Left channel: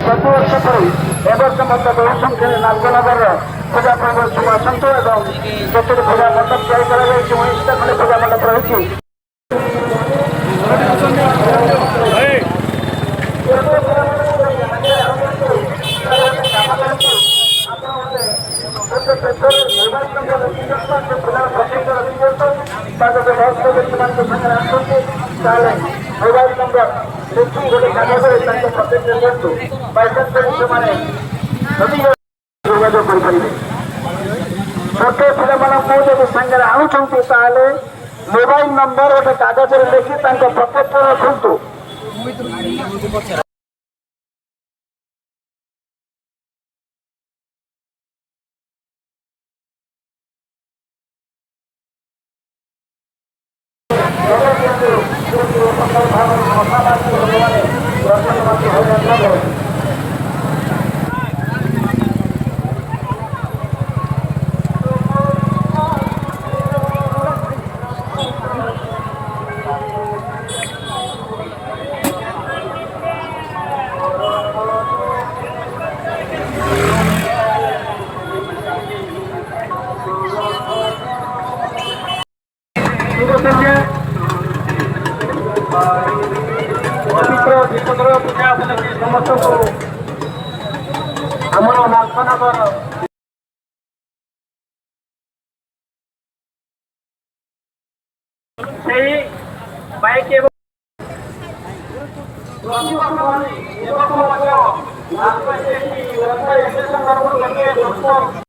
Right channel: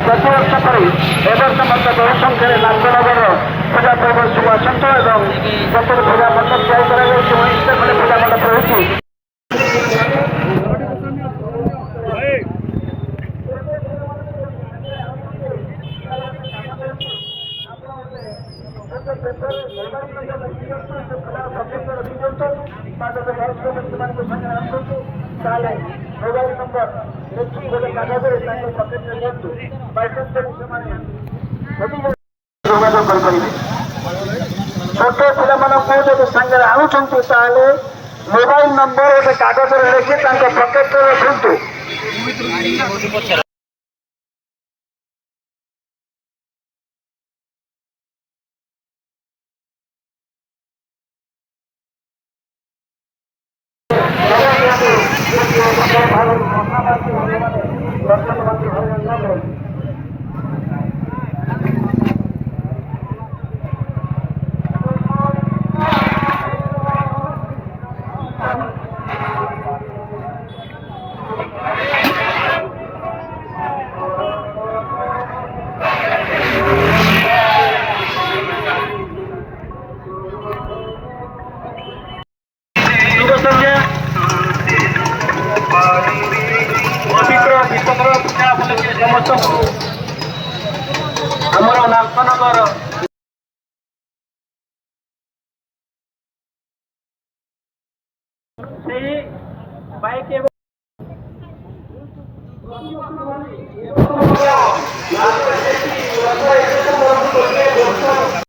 ପ୍ରତିବର୍ଷ ପରି ଏବର୍ଷ ମଧ୍ୟ ବହୁ ସଂଖ୍ୟାରେ ନାନ୍ଦନଗରର ପୂଜା ପର୍ବ ସବୁ ଆସନ୍ତୁ ଏବଂ ପ୍ରତ୍ୟେକ ପୂଜା ମଣ୍ଡପ ତିଆରି କରାଯାଉଛି। ଉଣେଇଶଟା ଖଣ୍ଡେ ପୂଜା ମଣ୍ଡପ ରହିଛି। ମୋବାଇଲ ନମ୍ବର ଦେଖି ଗୋଟେ କାଗଜରେ ତାଙ୍କ ପ୍ରତିଜ୍ଞା ଦିଅନ୍ତୁ। ସେମାନେ ଯୋଗାଯୋଗ କରିପାରିବେ। ଛୋଟ ପିଲାମାନଙ୍କୁ ଯଦି ସାଙ୍ଗରେ ଆଣୁଛନ୍ତି ତାହେଲେ ମୋବାଇଲ ନମ୍ବର ଗୋଟେ କାଗଜରେ ଲେଖି ତାଙ୍କ ପକେଟରେ ରଖନ୍ତୁ। ପବିତ୍ର ବିପଦର ପୂଜା ବୋଲିକି ସମସ୍ତଙ୍କୁ ଆମର ନାଥନଗର ସେଇ ବାଇକ୍ ଏବଂ